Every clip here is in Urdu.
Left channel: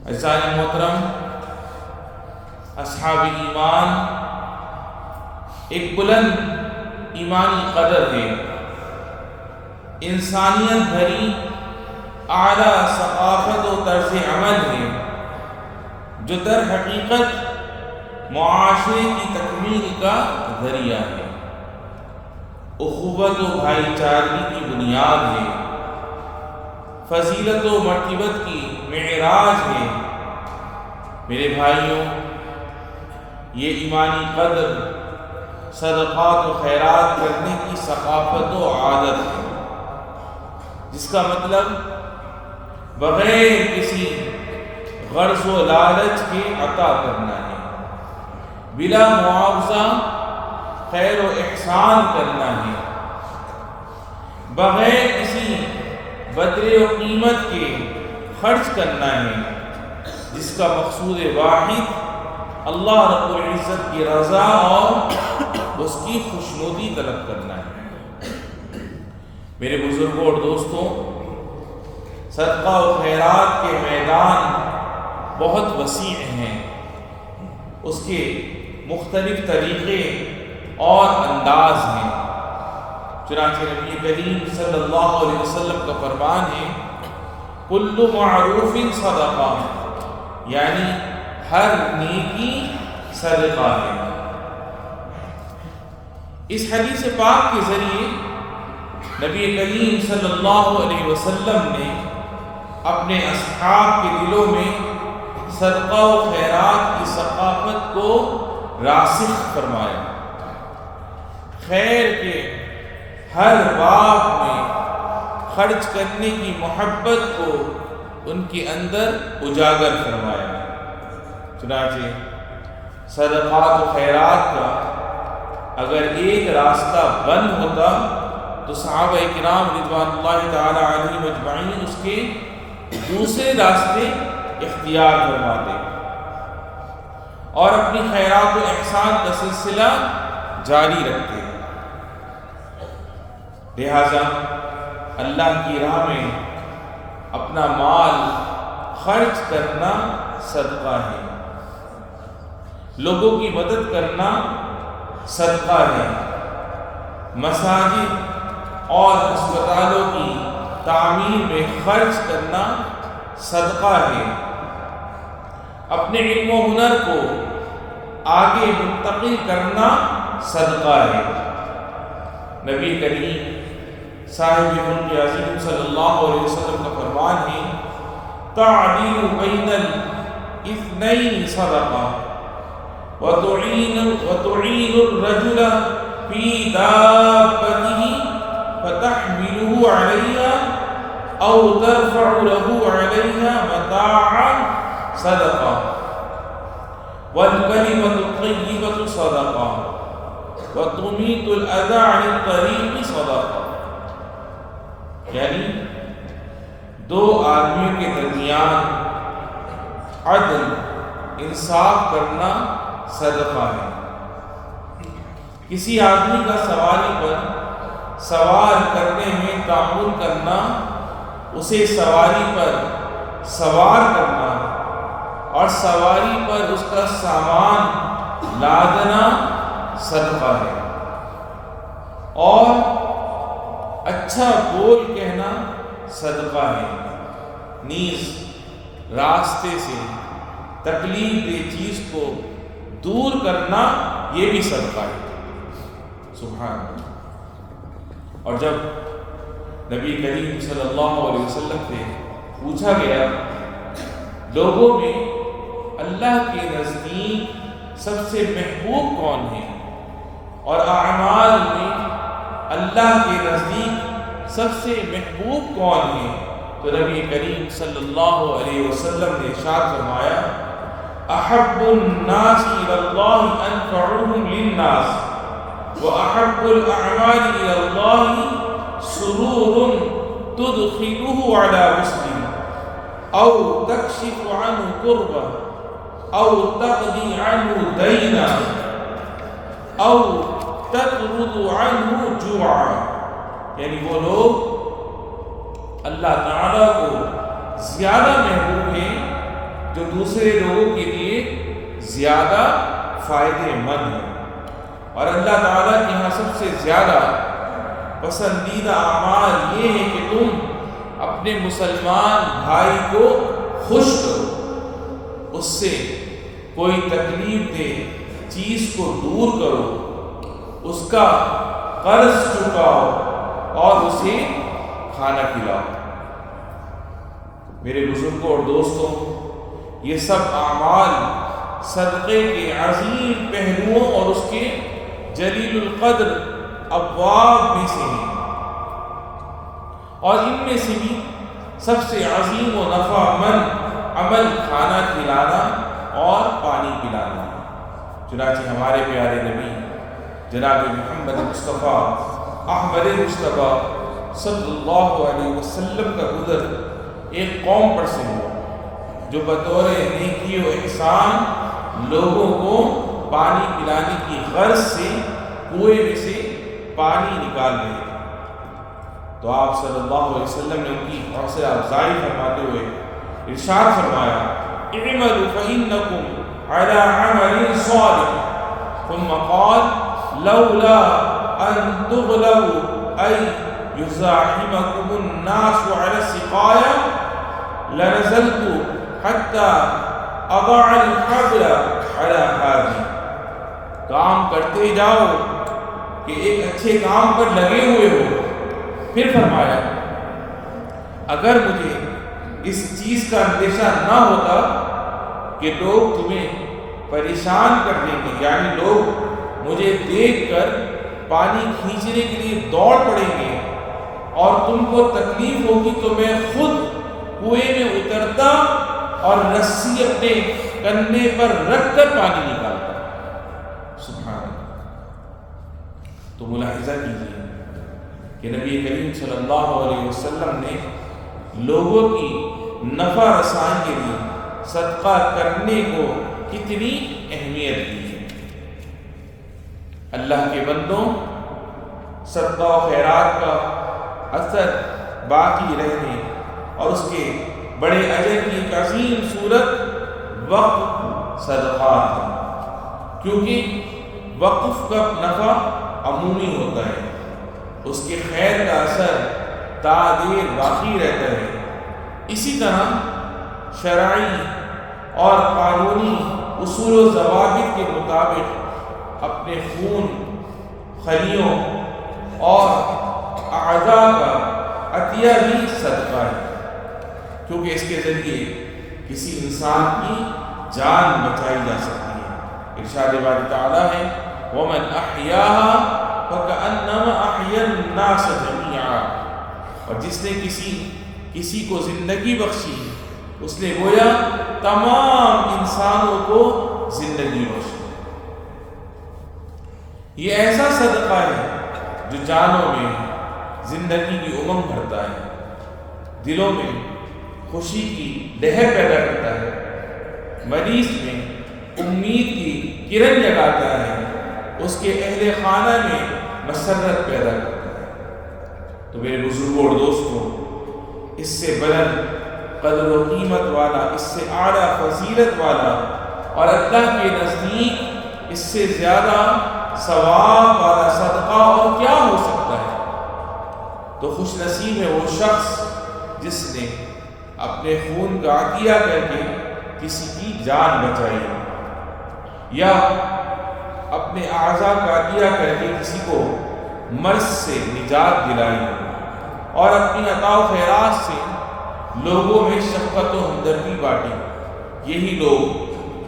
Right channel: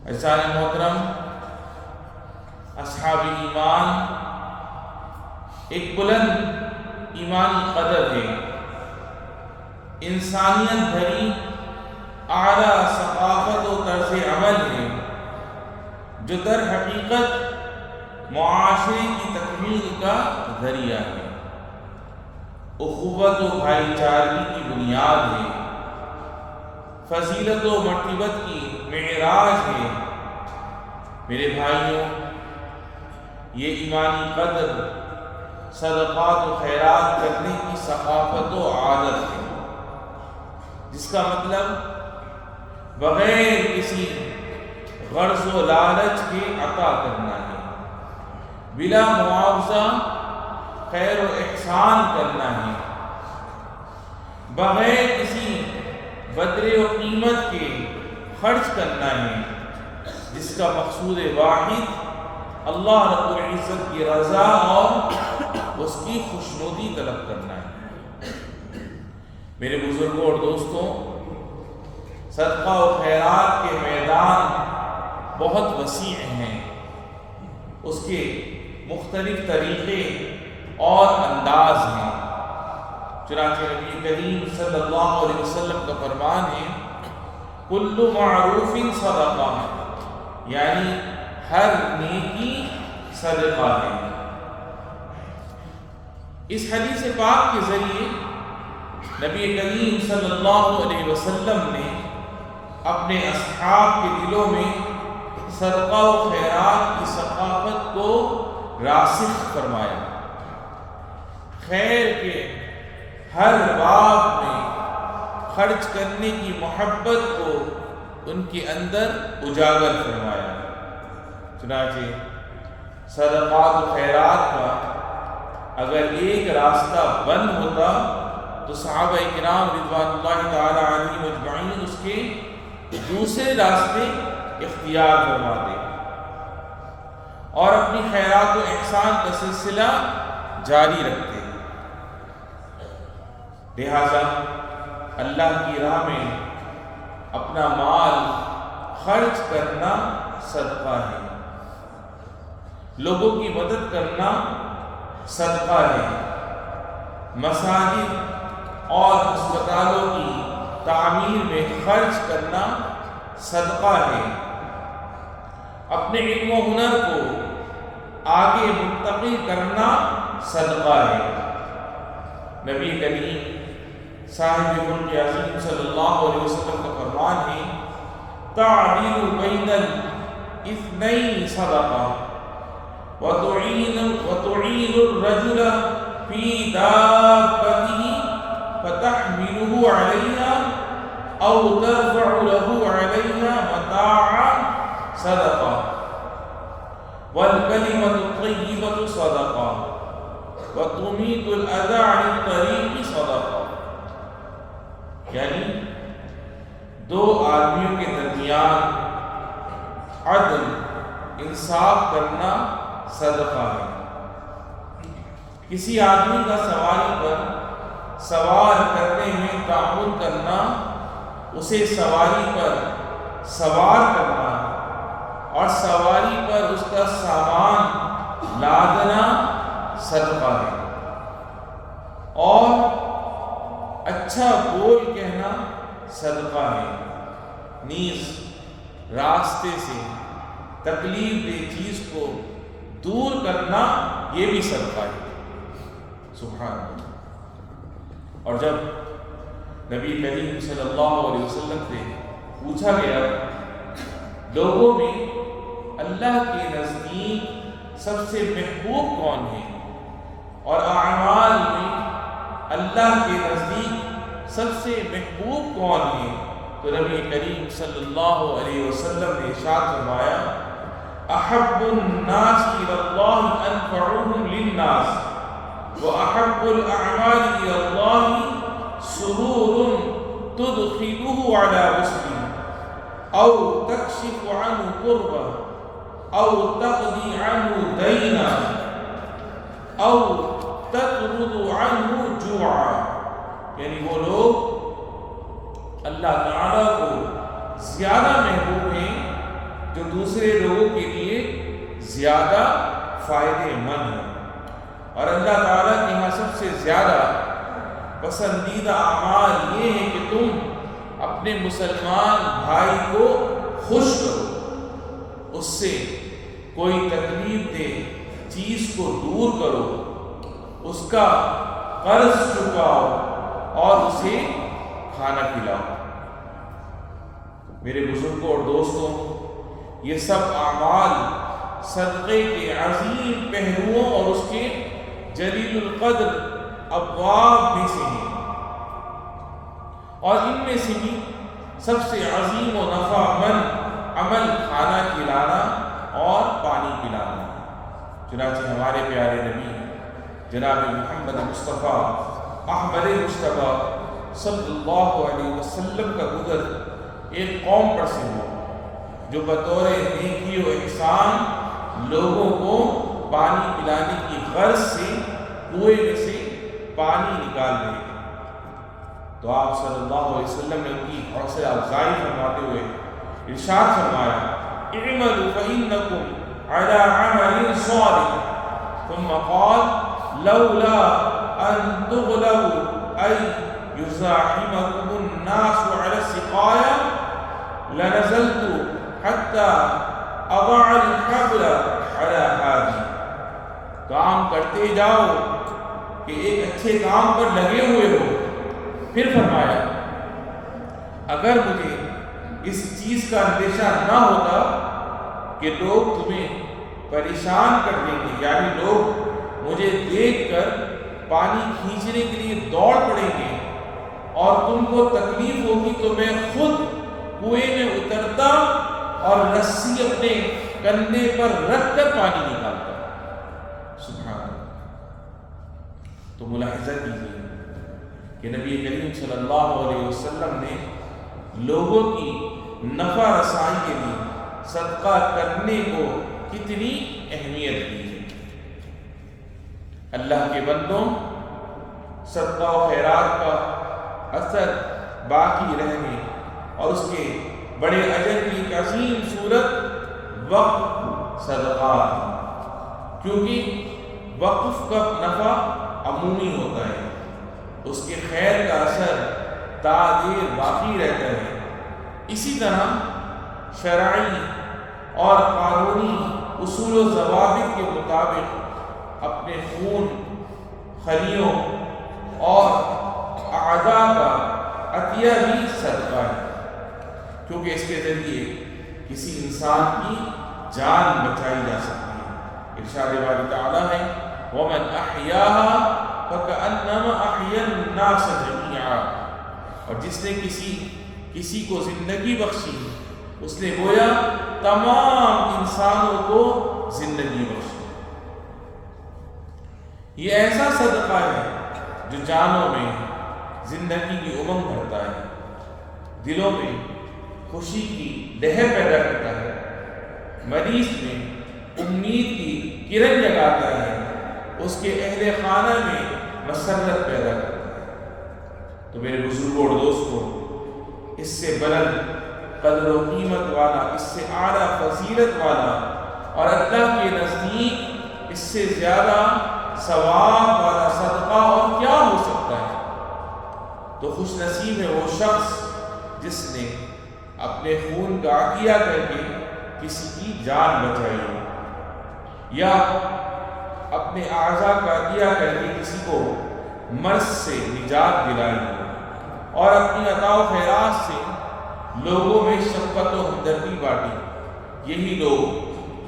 عزیزان محترم، اصحاب ایمان ایک بلند ایمانی قدر ہے، انسانیت بھری اعلیٰ ثقافت و طرز عمل ہے جو در حقیقت معاشرے کی تکمیل کا ذریعہ ہے، اخوت و بھائی چارگی کی بنیاد ہے، فضیلت و مرتبت کی معراج ہے۔ میرے بھائیوں، یہ ایمانی قدر صدقات و خیرات کرنے کی ثقافت و عادت ہے، جس کا مطلب بغیر کسی غرض و لالچ کے عطا کرنا ہے، بلا معاوضہ خیر و احسان کرنا ہے، بغیر کسی بدلے و قیمت کے خرچ کرنا ہے، جس کا مقصود واحد اللہ رب العزت کی رضا اور اس کی خوشنودی طلب کرنا ہے۔ میرے بزرگوں اور دوستوں، صدقہ و خیرات کے میدان بہت وسیع ہیں، اس کے مختلف طریقے اور انداز ہیں۔ چنانچہ نبی کریم صلی اللہ علیہ وسلم کا فرمان ہے، کل معروف صدقہ، یعنی ہر نیکی صدقہ ہے۔ اس حدیث پاک کے ذریعے نبی کریم صلی اللہ علیہ وسلم نے اپنے اصحاب کے دلوں میں صدقہ و خیرات کی ثقافت کو راسخ فرمایا، خیر کے ہر باب میں خرچ کرنے کی محبت کو ان کے اندر اجاگر فرمایا۔ چنانچہ صدقات و خیرات کا اگر ایک راستہ بند ہوتا تو صحابہ کرام رضوان اللہ تعالی علیہم اجمعین اس کے دوسرے راستے اختیار فرماتے اور اپنی خیرات و احسان کا سلسلہ جاری رکھتے۔ لہذا اللہ کی راہ میں اپنا مال خرچ کرنا صدقہ ہے، لوگوں کی مدد کرنا صدقہ ہے، مساجد اور ہسپتالوں کی تعمیر میں خرچ کرنا صدقہ ہے، اپنے علم و ہنر کو آگے منتقل کرنا صدقہ ہے۔ نبی کریم صاحب ملک عظیم صلی اللہ علیہ وسلم کا فرمان ہے، تعدیل بین الاثنین صدقہ وتعین الرجل فی دابتہ فتحملہ علیہا او ترفع له علیہا متاعا صدقہ والکلمۃ الطیبۃ صدقہ وتمیت الاذی عن الطریق صدقہ، یعنی دو آدمیوں کے درمیان عدل انصاف کرنا صدقہ ہے۔ کسی آدمی کا سواری پر سوار کرنے میں تعاون کرنا، اسے سواری پر سوار کرنا اور سواری پر اس کا سامان لادنا صدقہ ہے، اور اچھا بول کہنا صدقہ ہے، نیز راستے سے تکلیف دہ چیز کو دور کرنا یہ بھی صدقہ ہے۔ سبحان اللہ۔ اور جب نبی کریم صلی اللہ علیہ وسلم سے پوچھا گیا لوگوں میں اللہ کے نزدیک سب سے محبوب کون ہے اور اعمال میں اللہ کے نزدیک سب سے محبوب کون ہے، تو نبی کریم صلی اللہ علیہ وسلم نے ارشاد فرمایا، احب الناس الی اللہ انفعهم للناس واحب الاعمال الی اللہ سرور تدخله على مسلم او تکشف عنه کربہ او تقضی عنه دینا او تطرد عنه جوعا، یعنی وہ لوگ اللہ تعالیٰ کو زیادہ محبوب ہیں جو دوسرے لوگوں کے لیے زیادہ فائدے مند ہے۔ اور اللہ تعالیٰ کے یہاں سب سے زیادہ پسندیدہ اعمال یہ ہے کہ تم اپنے مسلمان بھائی کو خوش کرو، اس سے کوئی تکلیف دہ چیز کو دور کرو، اس کا قرض چکاؤ اور اسے کھانا کھلاؤ۔ میرے بزرگوں اور دوستوں، یہ سب اعمال صدقے کے عظیم پہلوؤں اور اس کے جلیل القدر ابواب میں سے ہیں، اور ان میں سے بھی سب سے عظیم و نفع مند عمل کھانا کھلانا اور پانی پلانا۔ چنانچہ ہمارے پیارے نبی جناب محمد مصطفیٰ احمد مصطفیٰ صلی اللہ علیہ وسلم کا گزر ایک قوم پر سے ہوا جو بطور نیکی و احسان لوگوں کو پانی پلانے کی غرض سے کنویں میں سے پانی نکال رہے تھے۔ تو آپ صلی اللہ علیہ وسلم نے ان کی حوصلہ افزائی فرماتے ہوئے ارشاد فرمایا، اعملوا فإنکم علی عمل صالح، ثم قال لولا ان تغلبوا ای یزاحمکم الناس علی السقایا لنزلت حتی اضع الحبل علی حاجی۔ کام کرتے جاؤ کہ ایک اچھے کام پر لگے ہوئے ہو۔ پھر فرمایا، اگر مجھے اس چیز کا اندیشہ نہ ہوتا کہ لوگ تمہیں پریشان کر دیں گے، یعنی لوگ مجھے دیکھ کر پانی کھینچنے کے لیے دوڑ پڑیں گے اور تم کو تکلیف ہوگی، تو میں خود کنویں میں اترتا اور رسی اپنے کندھے پر رکھ کر پانی نکالتا۔ سبحان اللہ۔ تو ملاحظہ کیجیے کہ نبی کریم صلی اللہ علیہ وسلم نے لوگوں کی نفع رسائی کے لیے صدقہ کرنے کو کتنی اہمیت دی ہے۔ اللہ کے بندوں، صدقہ و خیرات کا اثر باقی رہنے اور اس کے بڑے اجر کی ایک عظیم صورت وقف صدقات ہے، کیونکہ وقف کا نفع عمومی ہوتا ہے، اس کے خیر کا اثر تا دیر باقی رہتا ہے۔ اسی طرح شرعی اور قانونی اصول و ضوابط کے مطابق اپنے خون، خلیوں اور اعضاء کا عطیہ بھی صدقہ ہے، کیونکہ اس کے ذریعے کسی انسان کی جان بچائی جا سکتی ہے۔ ارشاد باری تعالیٰ ہے، وَمَنْ أَحْيَاهَا فَكَأَنَّمَا أَحْيَا النَّاسَ جَمِيعًا، اور جس نے کسی کو زندگی بخشی، اس نے گویا تمام انسانوں کو زندگی بخشی۔ یہ ایسا صدقہ ہے جو جانوں میں زندگی کی امنگ بھرتا ہے، دلوں میں خوشی کی لہر پیدا کرتا ہے، مریض میں امید کی کرن جگاتا ہے، اس کے اہل خانہ میں مسرت پیدا کرتا ہے۔ تو میرے بزرگوں اور دوستوں، اس سے بلند قدر و قیمت والا، اس سے اعلیٰ فضیلت والا اور اللہ کے نزدیک اس سے زیادہ ثواب والا صدقہ اور کیا ہو سکتا ہے؟ تو خوش نصیب ہے وہ شخص جس نے اپنے خون کا عطیہ کر کے کسی کی جان بچائی ہو، یا اپنے اعضاء کا عطیہ کر کے کسی کو مرض سے نجات دلائی ہو، اور اپنی عطا و خیرات سے لوگوں میں شفقت و ہمدردی بانٹی۔ یہی لوگ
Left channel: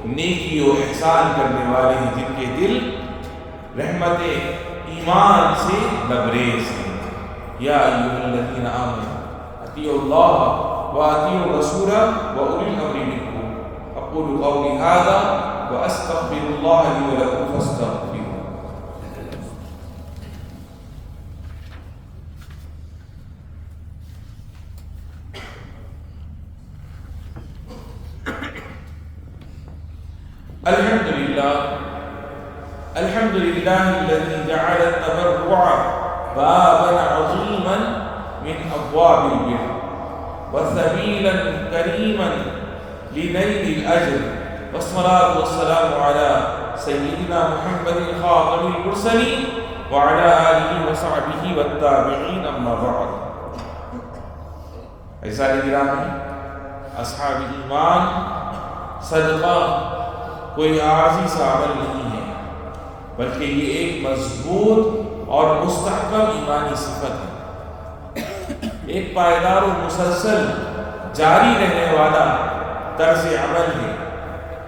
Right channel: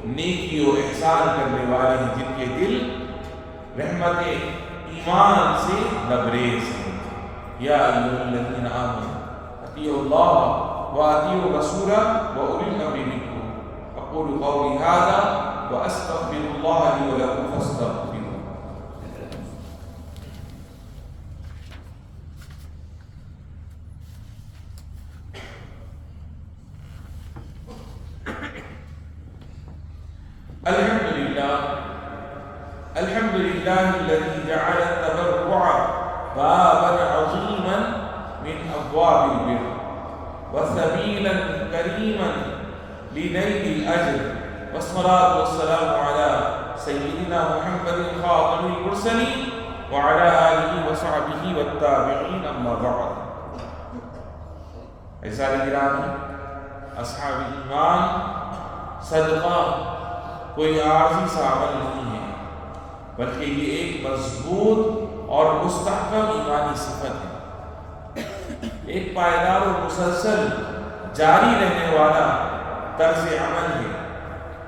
نیکی و احسان کرنے والے ہیں، جن کے دل رحمت ایمان سے لبریز ہیں۔ یا ایھا الذین آمنوا اطیعوا اللہ واطیعوا الرسول واولی الامر منکم، اقول قولی ھذا واستغفر اللہ لی ولکم فاستغفروہ۔ الحمد للہ الذی جعل التبرع بابا عظیما من ابواب البر وسبیلا کریما لنيل الأجر والصلاة والسلام على سيدنا محمد خاتم المرسلين وعلى آله وصحبه والتابعين أما بعد. عزیزان گرامی، اصحاب ایمان، صدقہ کوئی عارضی سا عمل نہیں ہے، بلکہ یہ ایک مضبوط اور مستحکم ایمانی صفت ہے، ایک پائیدار و مسلسل جاری رہنے والا طرز عمل ہے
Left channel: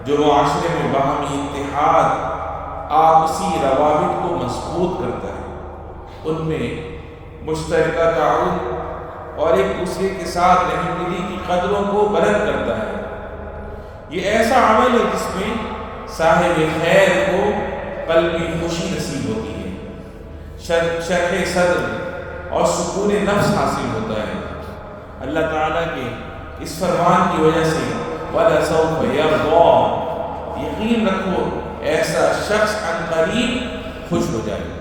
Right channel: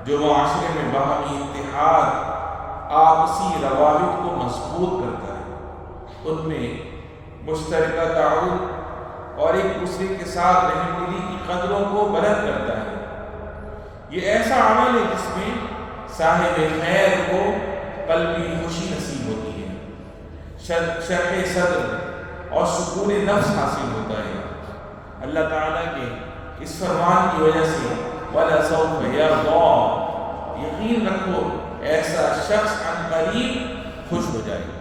جو معاشرے میں باہمی اتحاد، آپسی روابط کو مضبوط کرتا ہے، ان میں مشترکہ تعاون اور ایک دوسرے کے ساتھ رحم دلی کی قدروں کو بلند کرتا ہے۔ یہ ایسا عمل ہے جس میں صاحب خیر کو قلبی خوشی نصیب ہوتی ہے، شرح صدر اور سکون نفس حاصل ہوتا ہے۔ اللہ تعالیٰ کے اس فرمان کی وجہ سے وَلَسَوْفَ يَرْضَىٰ، یقین رکھو ایسا شخص عن قریب خوش ہو جائے گا۔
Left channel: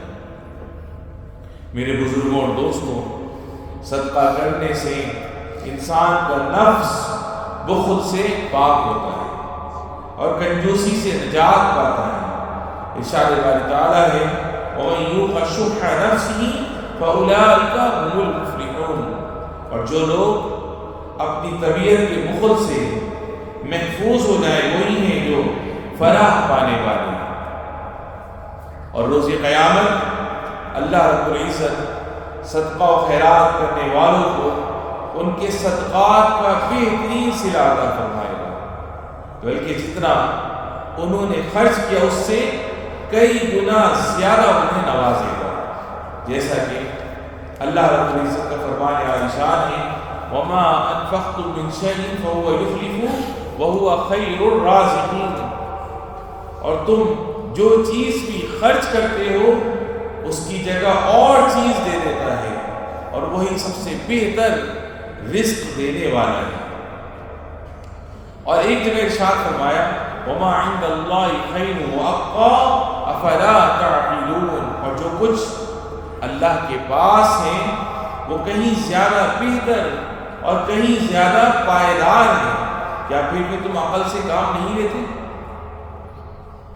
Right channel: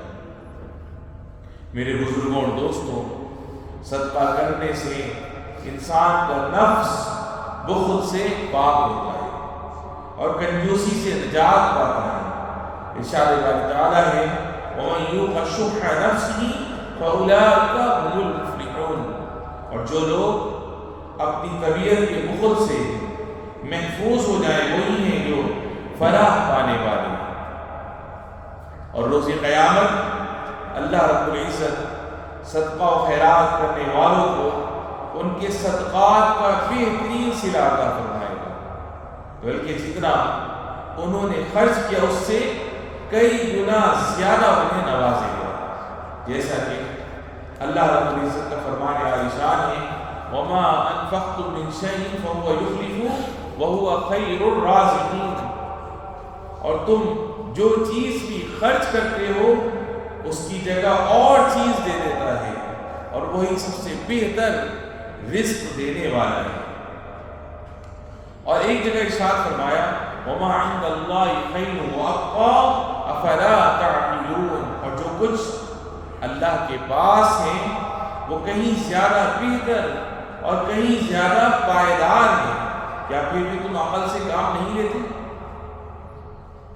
میرے بزرگوں اور دوستوں، صدقہ کرنے سے انسان کا نفس بخل سے پاک ہوتا ہے اور کنجوسی سے نجات پاتا ہے۔ ارشاد باری تعالیٰ ہے وَمَن يُوقَ شُحَّ نَفْسِهِ فَأُولَٰئِكَ هُمُ الْمُفْلِحُونَ، اور جو لوگ اپنی طبیعت کے بخل سے محفوظ ہو جائیں وہی ہیں جو فلاح پانے والے ہیں۔ اور روز قیامت اللہ رب العزت صدقہ و خیرات کرنے والوں کو ان کے صدقات کا بہترین صلہ عطا فرمائے گا، بلکہ جتنا انہوں نے خرچ کیا اس سے کئی گنا زیادہ انہیں نوازے گا، جیسا کہ اللہ رب العزت کا فرمان عالی شان ہے وَمَا أَنفَقْتُم مِّن شَيْءٍ فَهُوَ يُخْلِفُهُ وَهُوَ خَيْرُ الرَّازِقِينَ، اور تم جو چیز بھی خرچ کرتے ہو اس کی جگہ اور چیز دے دیتا ہے اور وہی سب سے بہتر رزق دینے والا ہے۔ اور ایک جگہ ارشاد فرمایا وَمَا عِندَ اللَّهِ خَيْرٌ وَأَبْقَىٰ أَفَلَا تَعْقِلُونَ، اور جو کچھ اللہ کے پاس ہیں وہ کہیں زیادہ بہتر اور کہیں زیادہ پائیدار ہے، کیا پھر بھی تم عقل سے کام نہیں لیتے؟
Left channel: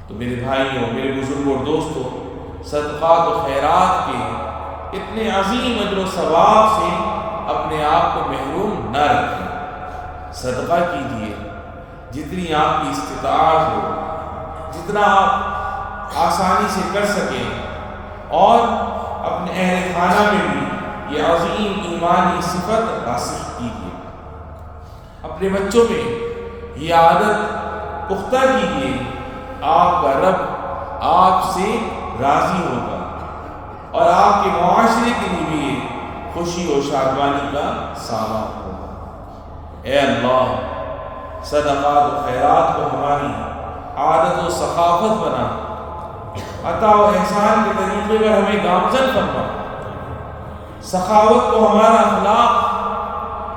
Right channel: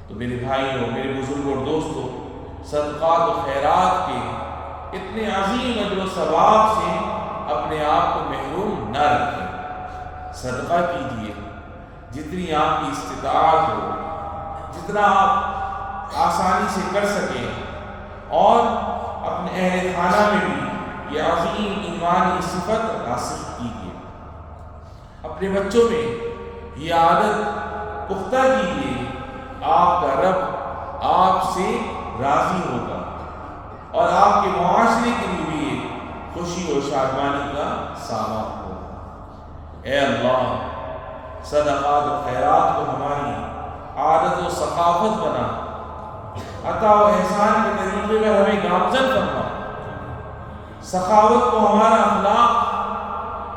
تو میرے بھائیوں، میرے بزرگوں اور دوستوں، صدقات و خیرات کے اتنے عظیم اجر و ثواب سے اپنے آپ کو محروم نہ رکھیں۔ صدقہ کیجیے جتنی آپ کی استطاعت ہو، جتنا آپ آسانی سے کر سکیں، اور اپنے اہل خانہ میں بھی یہ عظیم ایمانی صفت راسخ کیجیے۔ اپنے بچوں میں یہ عادت پختہ کیجیے، آپ کا رب آپ سے راضی ہوگا اور آپ کے معاشرے کے لیے بھی خوشی و شادمانی کا سامان ہوگا۔ اے اللہ، صدقات و خیرات کو ہماری عادت و ثقافت بنا، عطا و احسان کے طریقے پر ہمیں گامزن فرما، سخاوت کو ہمارا اخلاق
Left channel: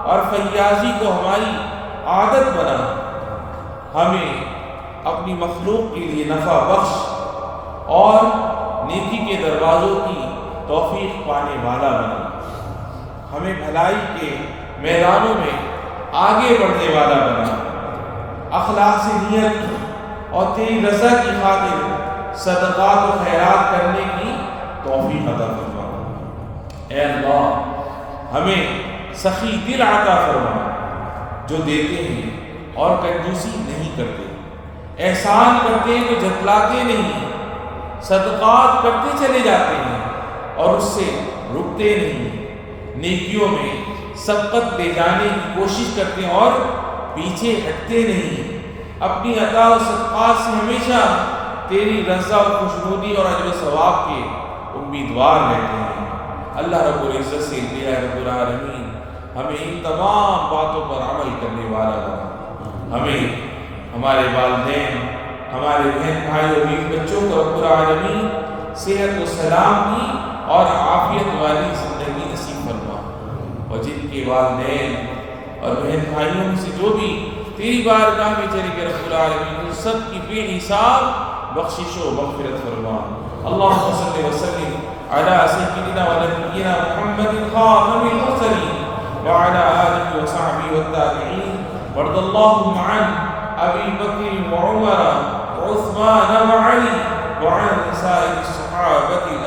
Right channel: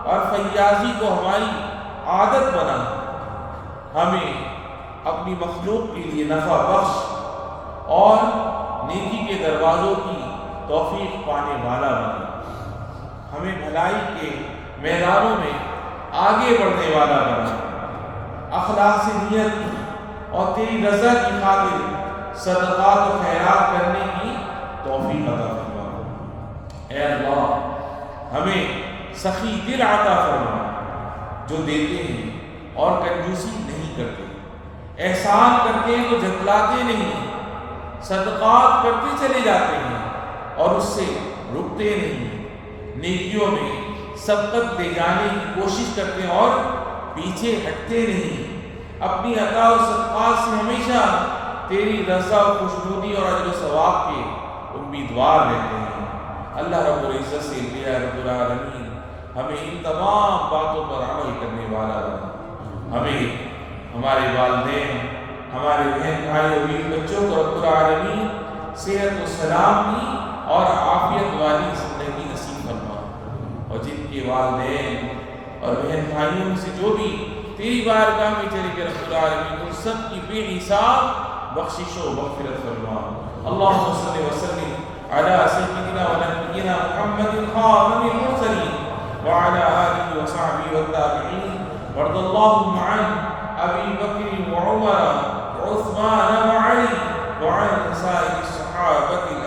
اور فیاضی کو ہماری عادت بنا، ہمیں اپنی مخلوق کے لیے نفع بخش اور نیکی کے دروازوں کی توفیق پانے والا بنا، ہمیں بھلائی کے میدانوں میں آگے بڑھنے والا بنا، اخلاق سے نیت اور تیری رضا کی خاطر صدقات و خیرات کرنے کی توفیق عطا فرما۔ اے اللہ، ہمیں سخی دل عطا فرما جو دیتے ہیں اور کنجوسی نہیں کرتے، احسان کرتے ہیں تو جتلاتے نہیں، صدقات کرتے چلے جاتے ہیں اور اس سے رکتے نہیں، نیکیوں میں سبقت لے جانے کی کوشش کرتے ہیں اور پیچھے ہٹتے نہیں، اپنی عطا و صدقات سے ہمیشہ تیری رضا و خوشنودی اور اجر و ثواب کے امیدوار رہتے ہیں۔ اللہ رب العزت سے اے رب العالمین ہمیں ان تمام باتوں پر عمل کرنے والا بنا، ہمیں ہمارے والدین، ہمارے بہن بھائی اور بیوی بچوں کو رب العالمین صحت و سلامتی اور عافیت والی زندگی نصیب فرما، اور جن کے والدین اور بہن بھائیوں میں سے جو بھی تیری بارگاہ میں چلے گئے رب العالمین ان سب کی بے حساب بخشش و مغفرت فرما۔ اللہم صلی وسلم علی سیدنا و نبینا محمد خاتم المرسلین وعلی آلہ وصحبہ والتابعین وارض اللهم عن أبي بكر وعمر وعثمان وعلي وعن سائر الصحابة